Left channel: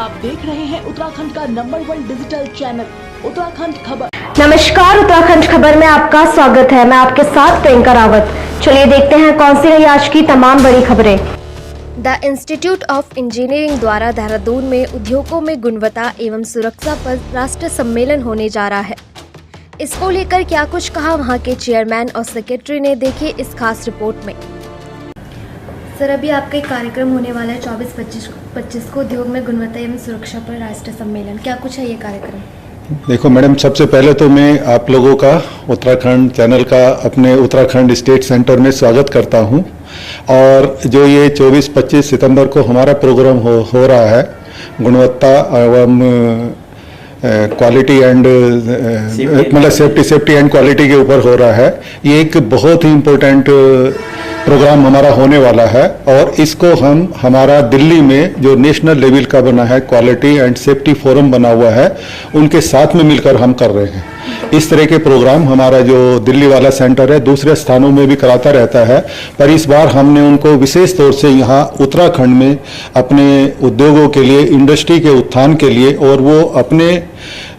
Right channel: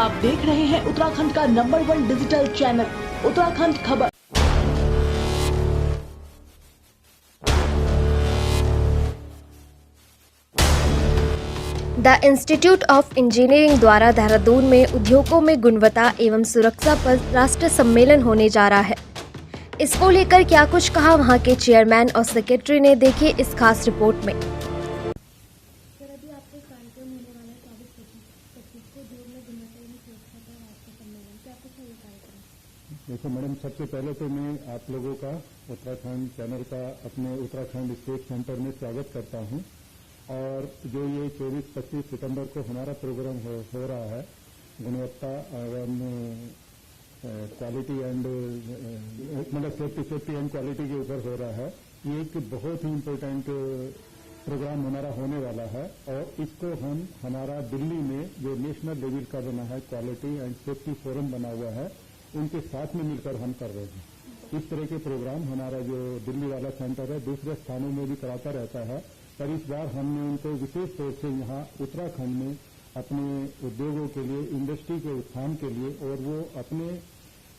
आप देख रहे हैं उत्तराखंड का नंबर 1 डिजिटल चैनल उत्तराखंड खबर। नमस्कार, उत्तराखंड खबर में आपका स्वागत है। मैं आपके साथ प्रियंका रावत। चलिए देखते हैं कौन सी रही आज की तमाम बड़ी खबरें। द इंस्टीट्यूट ऑफ इंजीनियरिंग द्वारा देहरादून में उद्योगों में गुणवत्ता एवं सुरक्षा पर राष्ट्रीय सम्मेलन होने जा रहा है। इसको लेकर क्या कुछ कहा वहां के चेयरमैन और सेक्रेटरी ने, देखिए इस खास रिपोर्ट में। सर, अभी आपका एक कार्यक्रम होने वाला है 24-25 को उद्योग में गुणवत्ता एवं सुरक्षा पर राष्ट्रीय सम्मेलन, क्या कुछ है ये कार्यक्रम? देखो मैडम, सबसे पहले तो मैं आप लोगों का उत्तराखंड चैनल का अपने उत्तराखंड स्टेट सेंटर में स्वागत करता हूं। और जो ये 24-25 सितंबर को हमारा प्रोग्राम हो रहा है गुणवत्ता एवं क्वालिटी एंड मतलब सेफ्टी एंड क्वालिटी के ऊपर हो रहा है, ये एक बहुत ही इम्पोर्टेंट प्रोग्राम हमारा होने वाला है। और इसको हम हमारा दिल्ली में जो नेशनल लेवल का बना है क्वालिटी एंड सेफ्टी फोरम बना हुआ है, उनके साथ में मिलकर हम कर रहे हैं। इस तरह के प्रोग्राम हमारा जो दिल्ली वाला सेंटर है दूसरे स्थानों में भी कराता रहता है, पर इस बार हमने उनको विशेष तौर से यहाँ उत्तराखंड में अपने उद्योगों के लिए, इंडस्ट्री के उत्थान के लिए, और वो अपने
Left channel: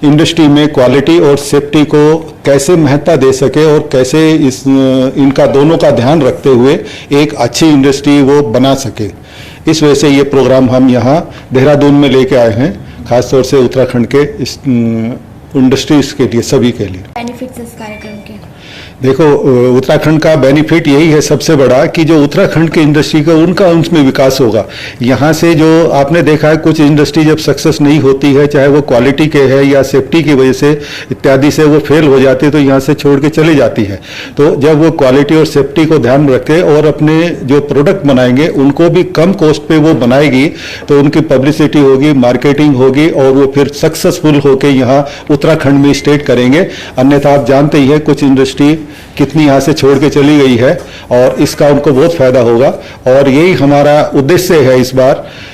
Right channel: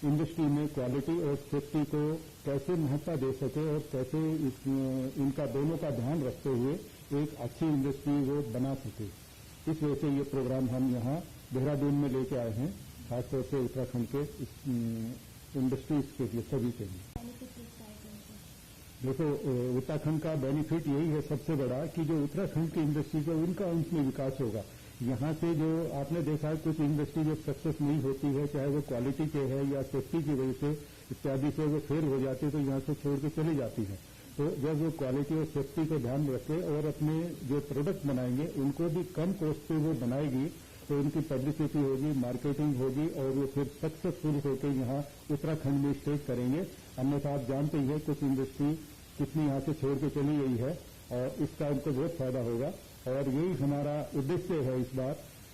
इंडस्ट्री में क्वालिटी और सेफ्टी को कैसे महत्ता दे सके और कैसे इनका दोनों का ध्यान रखते हुए एक अच्छी इंडस्ट्री वो बना सके। इस वजह से ये प्रोग्राम हम यहाँ देहरादून में लेके आए हैं, खासतौर से उत्तराखंड के इंडस्ट्रीज के लिए, सभी के लिए। बेनिफिट्स इस कार्यक्रम के देखो, उत्तराखंड का बेनिफिट यही है सबसे बड़ा कि जो उत्तराखंड की इंडस्ट्री का उनमें विकास होगा। यहाँ से जो आपने देखा है कुछ इंडस्ट्री जब सक्सेस नहीं होती है, चाहे वो क्वालिटी के है या सेफ्टी की वजह से इत्यादि से वो फेल हो जाती है, तो यहाँ से छोड़ के चली जाती है। तो जब वो क्वालिटी और सेफ्टी को ध्यान रखे और अपने जो प्रोडक्ट बनाएंगे उनको भी कम कॉस्ट पे वो बनाएगी, तो उनकी पब्लिसिटी होगी, मार्केटिंग होगी, और वो फिर सक्सेसफुल होकर यहाँ उत्तराखंड में स्टेट करेंगे। अन्यथा आप जानते ही हैं कुछ इंडस्ट्री कितनी यहाँ से छोड़ के चली गई है, और इसका उनको बहुत फायदा होगा। और यही हमारा उद्देश्य है इस बार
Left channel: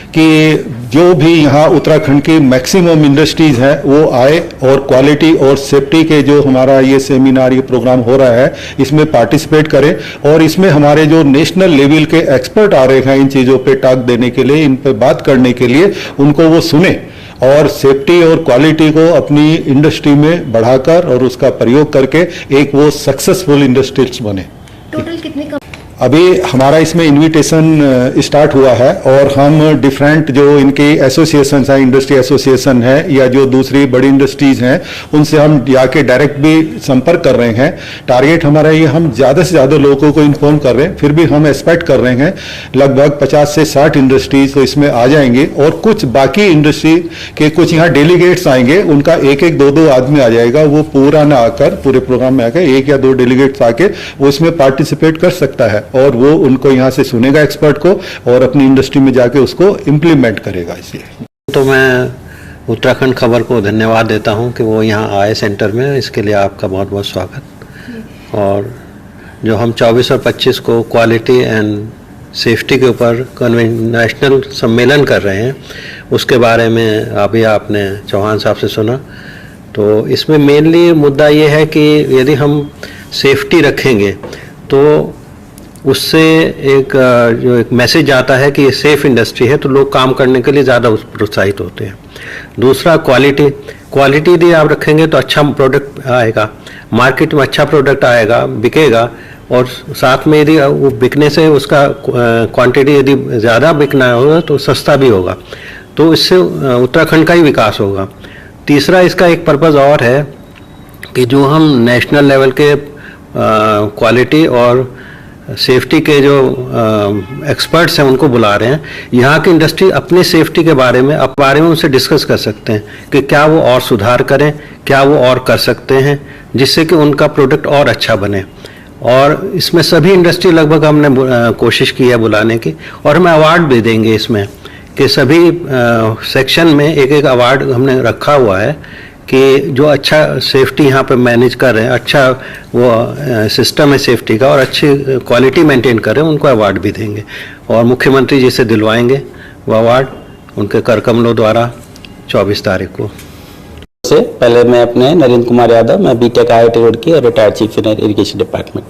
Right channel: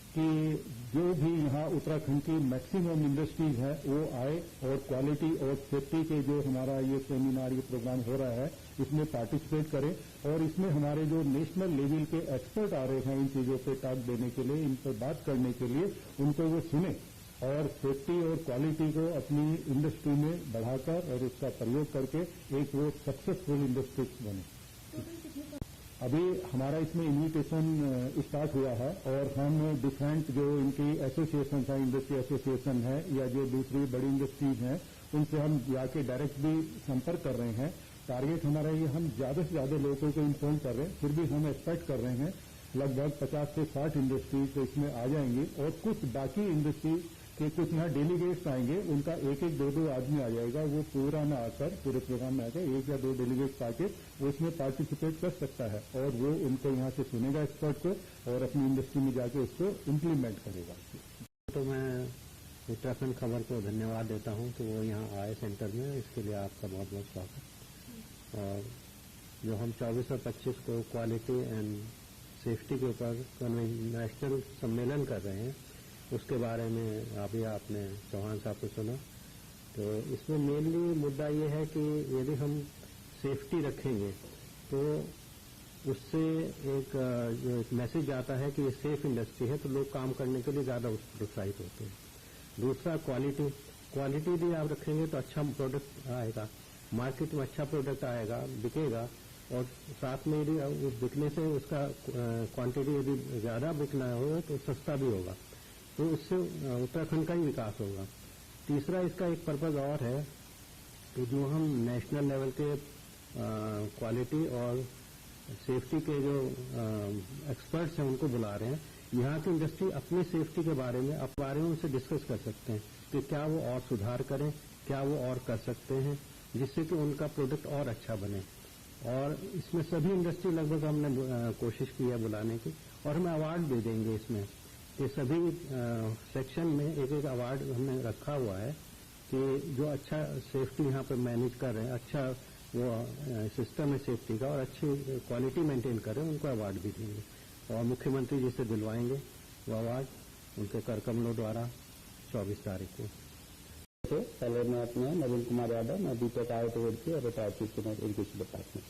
कि जो भी यहाँ उत्तराखंड की मैक्सिमम इंडस्ट्रीज हैं वो आए और क्वालिटी और सेफ्टी के जो हमारा ये सेमिनार, ये प्रोग्राम हो रहा है, इसमें पार्टिसिपेट करें। और इसमें हमारे जो नेशनल लेवल के एक्सपर्ट आ रहे हैं इन चीज़ों पे टॉक देने के लिए, इन पे बात करने के लिए, उनको वो सुने और सेफ्टी और क्वालिटी को अपनी इंडस्ट्री में बढ़ाकर और उसका प्रयोग करके एक वो सक्सेसफुल इंडस्ट्रीज बने। टोटल कितने अभी हमारा इसमें इनविटेशन स्टार्ट हुआ है, और हम डिफरेंट जो इनकी एसोसिएशन है, इंडस्ट्री एसोसिएशन है या जो दूसरी बड़ी इंडस्ट्रीज हैं, उनसे हम जाके डायरेक्ट भी संपर्क कर रहे हैं। टारगेट हमारा ये, हम ज़्यादा से ज़्यादा लोगों को इन्फॉर्म कर रहे हैं, फिर भी हम एक्सपेक्ट कर रहे हैं लगभग 50 से 60 इंडस्ट्रीज तो इसमें आ जाएंगे। और कुछ बाकी इंडस्ट्री के कुछ यहाँ डेलीगेट्स आएंगे, उनका एक एक दो आदमी आ जाएगा, वो पूरा ना आकर पूरे प्रोग्राम में आकर 1 या 2 डेलीगेट्स आके वो इसमें पार्टिसिपेट कर सकता है, और वो उनको यहाँ से सुनेगा एक्सपर्ट को और अपनी इंडस्ट्री में जाके उसको इम्प्लीमेंट करेगा। इसलिए तो मैं उत्तराखंड खबर को धन्यवाद देता हूँ कि वो यहाँ आए सेंटर में, इसके लिए आपका बहुत बहुत स्वागत। और जो हम 24 और 25 को क्वालिटी एंड सेफ्टी के ऊपर नेशनल सम्मेलन कर रहे हैं, उसके बारे में अभी आपने चौहान साहब से सुना। तो इसमें मेनली मुद्दा ये है कि यदि हम सेफ्टी रखेंगे तो उससे एक मैसेज आता है कि ये सेफ इंडस्ट्री है, तो लोग काम करने के लिए ज़्यादा प्रोत्साहित होते हैं। दूसरा क्वालिटी यदि आप रखेंगे तो अच्छा प्रोडक्ट आएगा, मार्केट में अच्छा प्रोडक्ट आएगा, बिकेगा, और साथ में यदि वो बिकने से उसका क्वांटिटी यदि ज़्यादा बिकना होगा तो सस्ता भी होगा, तो इससे उत्तराखंड का ही विकास होगा। तीसरा इसका एक पर्पज़ और है कि जो हम नेशनल लेवल के क्वालिटी और सेफ्टी के जो एक्सपर्ट्स हैं उनको बुला रहे हैं, यहाँ की इंडस्ट्री अपनी सेफ्टी के बारे में उनसे डिस्कस कर सकते हैं कि क्या वो और सुधार करें, क्या वो और कर सकते हैं जिससे कि उनका प्रोडक्ट और अच्छा बने। और इसमें सभी इंडस्ट्री लगभग हमने कोशिश की है बुलाने की, और हमें अवार्ड भी देंगे इसमें कि सभी सेक्शन में एक एक अवार्ड हमने रखा हुआ है कि जो अच्छा सेफ्टी यहाँ पे मैनेज कर रहे हैं, अच्छा वो सिस्टम है सेफ्टी का और अच्छी क्वालिटी मेंटेन कर रहे हैं, उनको अवार्ड भी देंगे। और मुख्यमंत्री जी से दिलवाएंगे वो अवार्ड उनके कर कमलों द्वारा 24 तारीख को। से पहले मैं अपने नरेंद्र कुमार यादव, मैं बीटेक IIT रोड की और retired chief engineer irrigation department.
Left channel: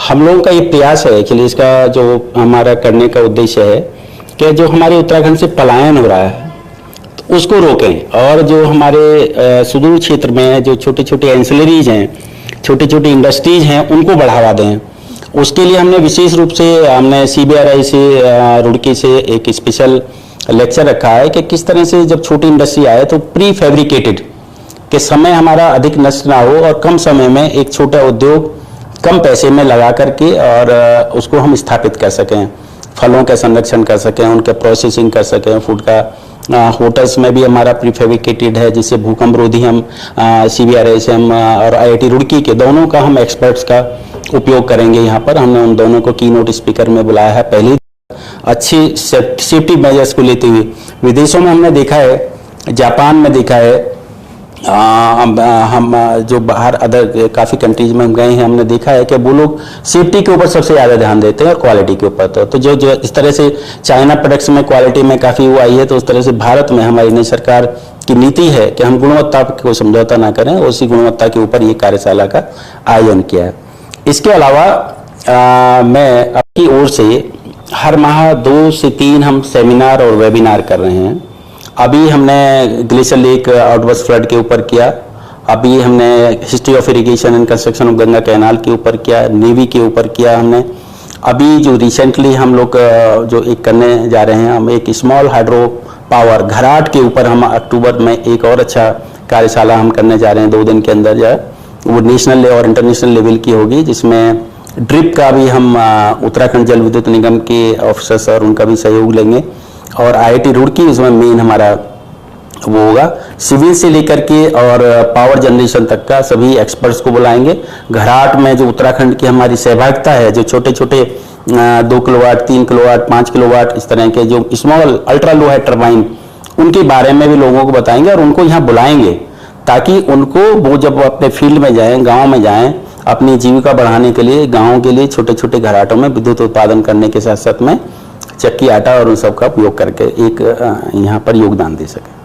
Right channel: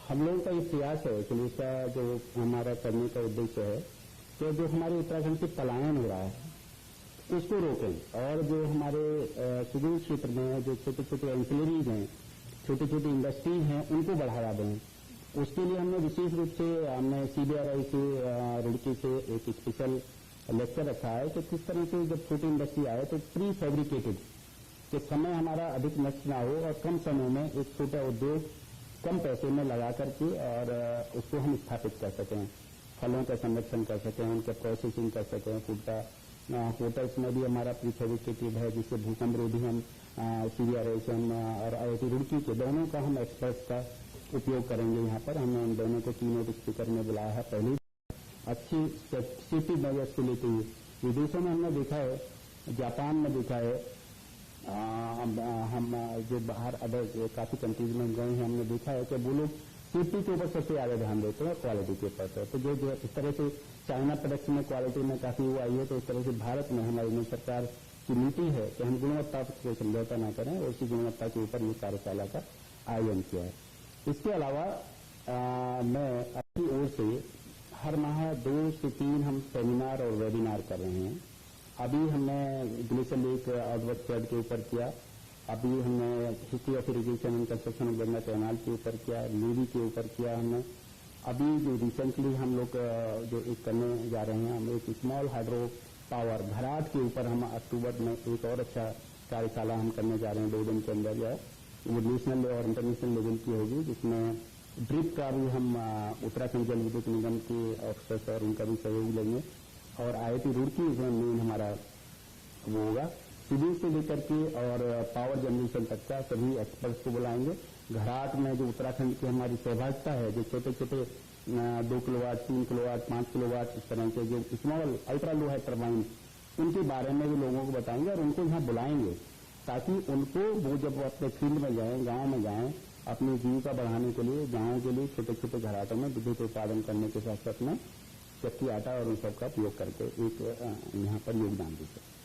हम लोगों का ये प्रयास है कि इसका जो हमारा करने का उद्देश्य है कि जो हमारे उत्तराखंड से पलायन हो रहा है उसको रोकें, और जो हमारे सुदूर क्षेत्र में जो छोटे छोटे एंसिलरीज हैं, छोटी छोटी इंडस्ट्रीज हैं, उनको बढ़ावा दें। उसके लिए हमने विशेष रूप से हमने CBRI से रुड़की से एक स्पेशल लेक्चर रखा है कि किस तरह से जब छोटी इंडस्ट्री आए तो प्री फैब्रिकेटेड के समय हमारा अधिक नष्ट ना हो और कम समय में एक छोटा उद्योग कम पैसे में लगा करके और उसको हम स्थापित कर सकें, फलों का संरक्षण कर सकें, उनके प्रोसेसिंग कर सकें, फूड का। होटल्स में भी हमारा प्रीफेब्रिकेटेड है, जिससे भूकंप रोधी हम CBRI से हम और IIT रुड़की के दोनों का हम एक्सपर्ट्स का उपयोग करेंगे। यहाँ पर हमने उन दोनों को कीनोट स्पीकर में बुलाया है, पहली अच्छी सेफ्टी मेजर्स को लेते हुए। विदेशों में हमने देखा है, जापान में देखा है, हम जो बाहर अदर काफ़ी कंट्रीज में हम गए हैं, हमने देखा है कि वो लोग सेफ्टी के ऊपर सबसे ज़्यादा ध्यान देते हैं और क्वालिटी के ऊपर। तो जो इस तरह से चाइना प्रोडक्ट्स में क्वालिटी में काफ़ी वो आई है, तो उस तरह से भारत में हमारी नई सरकार की नीति है कि हम गुणवत्ता को समझौता ना करें, उसी गुणवत्ता के ऊपर ये कार्यशाला का आयोजन किया है। इसके अलावा मैं अपनी ओर से हर माह 2 से 3 हम सेमिनार और वेबिनार कर रहे हैं। अभी हमने ग्लेशियर लेक आउटवर्स फ्लड के ऊपर किया, अभी हमने history of irrigation and construction of Ganga canal के ऊपर किया, नेवी के ऊपर किया हमने। अभी जो रिसेंटली हम लोग जो एक करने जा रहे हैं, हम एक स्मॉल हाइड्रो पावर घराट के ऊपर हम अक्टूबर में एक और अच्छा कार्यशाला हम करने जा रहे हैं 2 दिन के अंदर। जो वो नेशनल और इंटरनेशनल लेवल की होगी, जिसमें ड्रिप का भी हम उत्तराखंड जल विद्युत निगम के ऑफिसर्स और उनका भी सहयोग लेंगे, और IIT रुड़की इसमें मेन हमारा वो होगा। सिविल से लेकर के और पावर जनरेशन तक का सभी एक्सपर्ट्स को बुलाएंगे। घराट में जो उत्तराखंड की हमारी सहभागिता है, जो छोटे छोटे 2 किलोवाट, 3 किलोवाट, 5 किलोवाट इस तरह के जो स्मॉल अल्ट्रा लो है टर्बाइन, उनके बारे में भी लोगों को बताएंगे और उनको यहाँ बुलाएंगे, ताकि उनको वो जब अपने फील्ड में जाएं, गाँव में जाएं, अपनी जीविका बढ़ाने के लिए, गाँव के लिए छोटे छोटे घराटों में विद्युत उत्पादन करने के साथ साथ में चक्की आटा और उन सब का उपयोग करके एक यहाँ पर योगदान दे सके।